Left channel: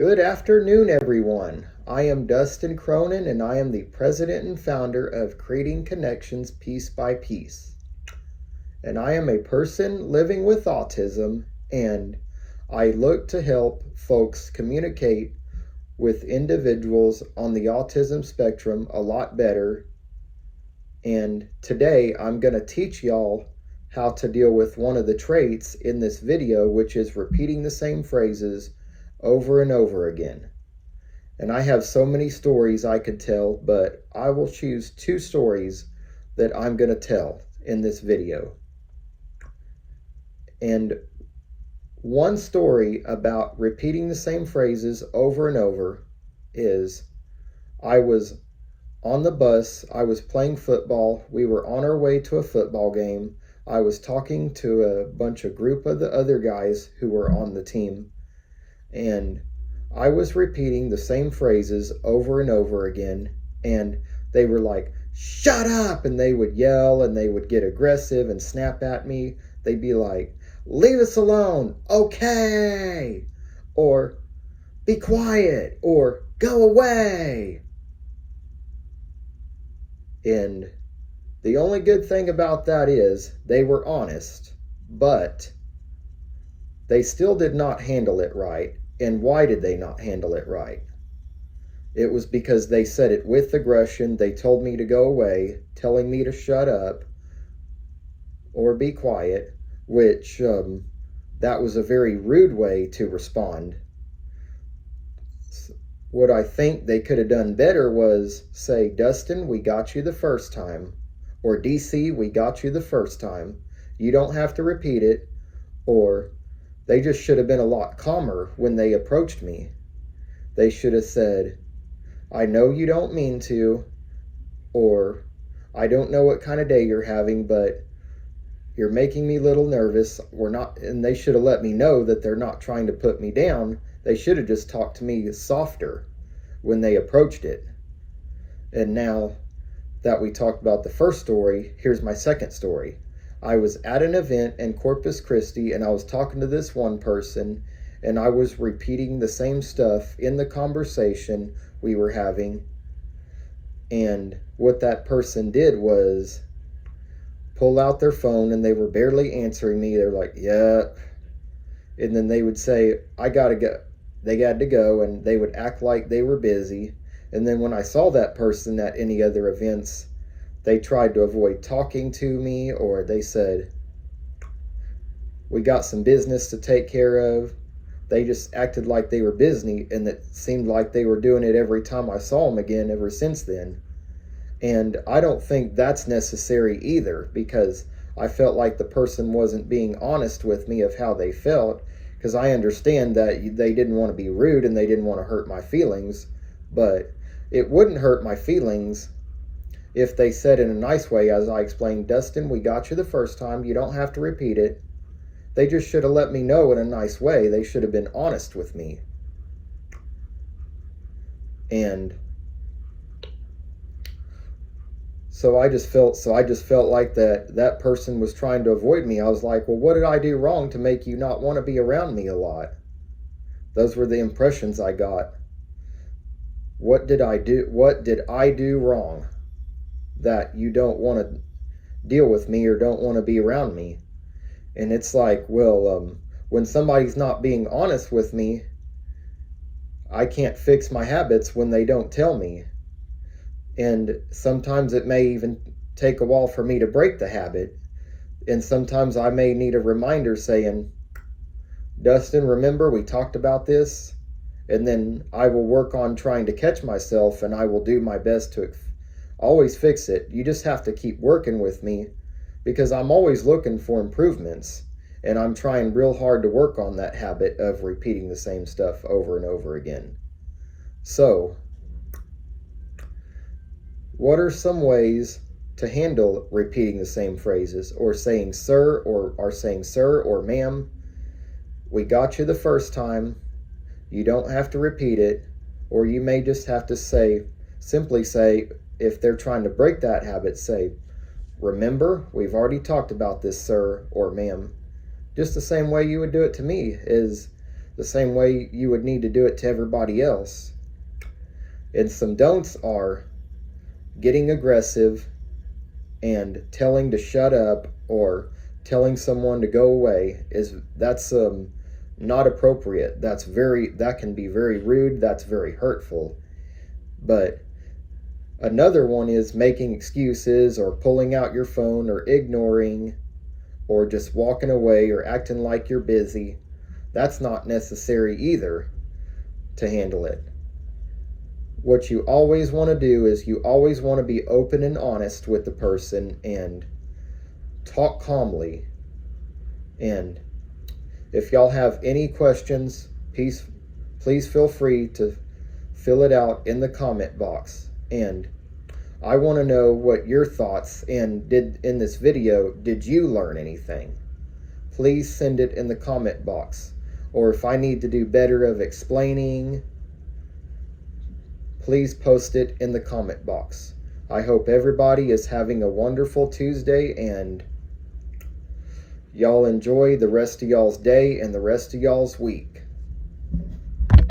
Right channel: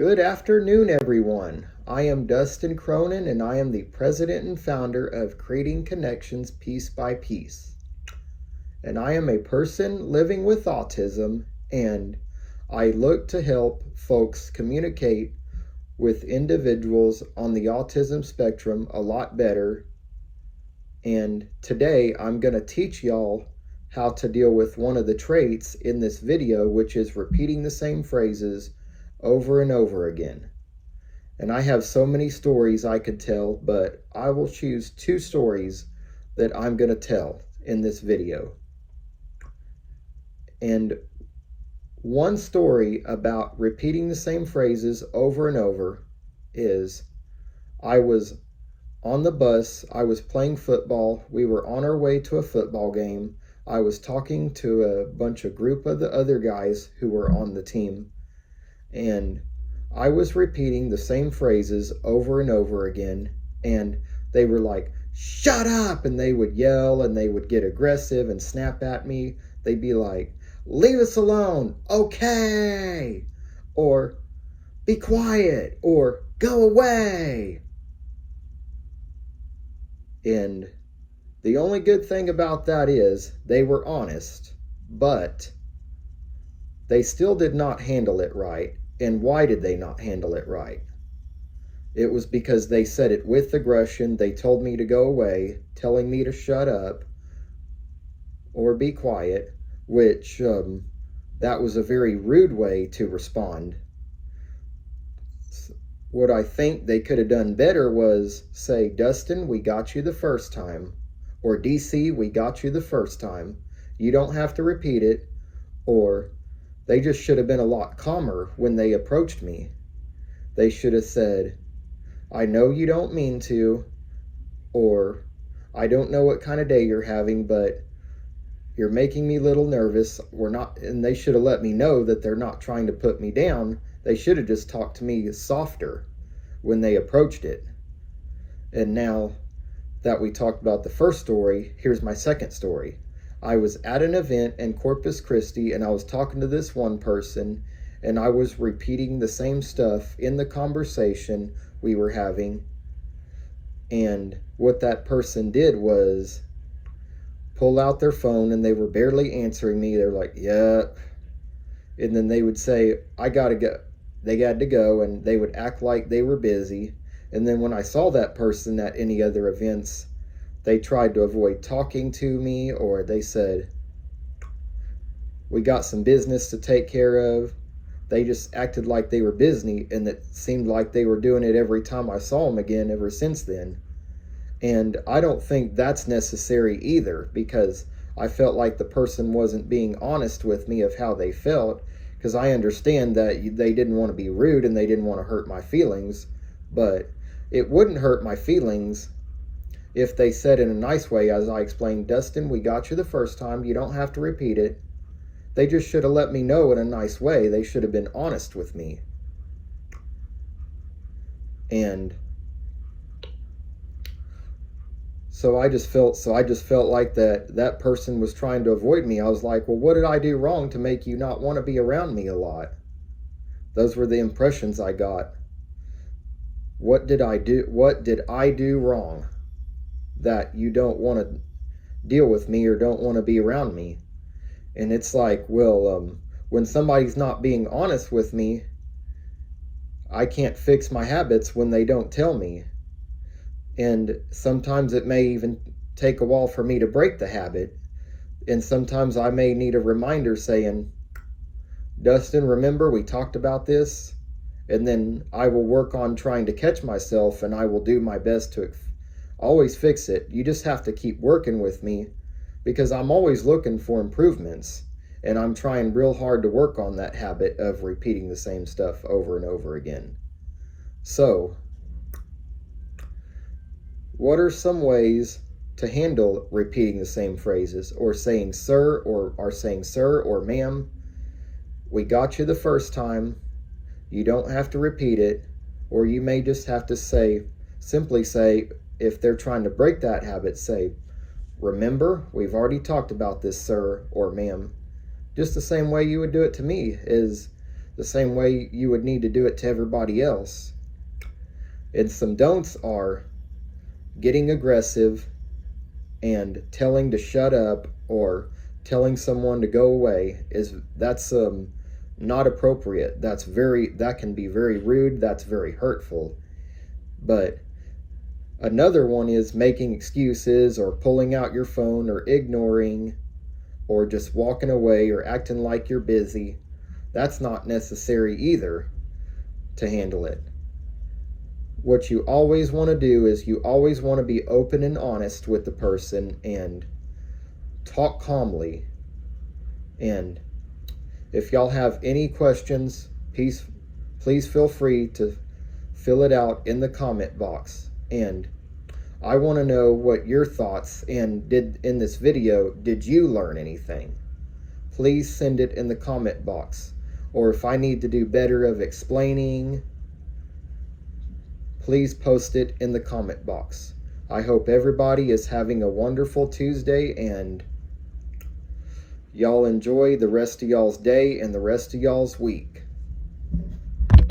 Good afternoon, everyone. I am Dustin Cronin, and I am the president and founder of Creating Connections Piece by Piece. And I am a person living with autism, and I look to help folks communicate with individuals on the autism spectrum a lot better. And today I'm going to teach y'all how to deal with one of the traits in this video, which is repeating the same phrases over and over again. And I have so many stories I could tell, but I will choose two stories that I'm going to tell in this video. And one story about repeating the same phrases over and over is, I was on the bus, I was playing football, we were on our way to a football game, I was talking to a group of the other guys who were on the team, and I was repeating the same phrases over and over again, and they were like, "Shut up!" and they would yell, and they would get aggressive and snap at me. They'd be like, "Leave us alone, okay," or "Be quiet," or "Go away." And the only good thing about that is they were honest, but they still did not handle it right. And why did they not handle it right? It was because they said it with aggression. They told me to go away, telling me to shut up or be quiet, which that was a very rude way to respond. What I think they could have done better was say, "Dustin, we got you the first time," or "DC, we got you the first time. You don't have to repeat it," or they just should have been a lot calmer when they approached me. They should have said, "I know you don't mean to," or "I don't know what kind of day you're having, but you're making me a little nervous. We're not," and they should have let me know that they're not trying to put me down. They should have just talked to me softer when they approached it. And now that we talked about the first story, here's my second story. I was at an event in Corpus Christi, and I was talking to this one person, and I was repeating the same stuff in the conversation we were having. And what that person did was pull out their phone, and they were barely answering me. They were like, "Yeah." And then they would say, "I gotta go." They had to go, and they would act like they were busy. And then when I saw that person at any other events, they tried to avoid talking to me, or they said, "We got some business to take care of." They just acted like they were busy, and it seemed like they were doing it every time I saw them again ever since then. And I don't think that's necessary either, because I felt like the person wasn't being honest with me of how they felt, because I understand that they didn't want to be rude and they didn't want to hurt my feelings, but it wouldn't hurt my feelings if they said in a nice way, as I explained, "Dustin, we got you the first time, you don't have to repeat it." They just should have let me know in a nice way. They should have been honest with me. And so I just felt like that person was trying to avoid me. I was like, "Well, what did I do wrong to make you not want to be around me a lot?" Those were the impressions I got. What did I do wrong that you don't want to deal with me or don't want to be around me? And it's like, well, when somebody's not being honest with me, I can't fix my habits when they don't tell me. And sometimes it may even take a while for me to break the habit. And sometimes I may need a reminder saying, "Dustin, remember we talked about this?" And then I will work on trying to catch myself, and I will do my best to always fix it. You just have to keep working with me, because I'm always looking for improvements, and I'm trying real hard to work on that habit of repeating the same stuff over and over again. So, what are some ways to handle repeating the same phrases, or saying "sir" or "ma'am"? We got you the first time. You don't have to repeat it. Or you may just have to simply say, if they're trying to break that habit, say, "Remember, we've already talked about this, sir or ma'am." Just the same way you would do it to me is, the same way you would need to do it to everybody else. And some don'ts are getting aggressive and telling to shut up or telling someone to go away. That's not appropriate. That can be very rude. That's very hurtful. But another one is making excuses or pulling out your phone or ignoring or just walking away or acting like you're busy. That's not necessary either to handle it. What you always want to do is you always want to be open and honest with the person and talk calmly. And if y'all have any questions, please feel free to fill it out in the comment box. And I want to know what your thoughts and in this video, did you learn anything? Please send it in the comment box. Or if I need to do better of explaining, please post it in the comment box. I hope everybody is having a wonderful Tuesday and y'all enjoy the rest of y'all's day and the rest of y'all's week.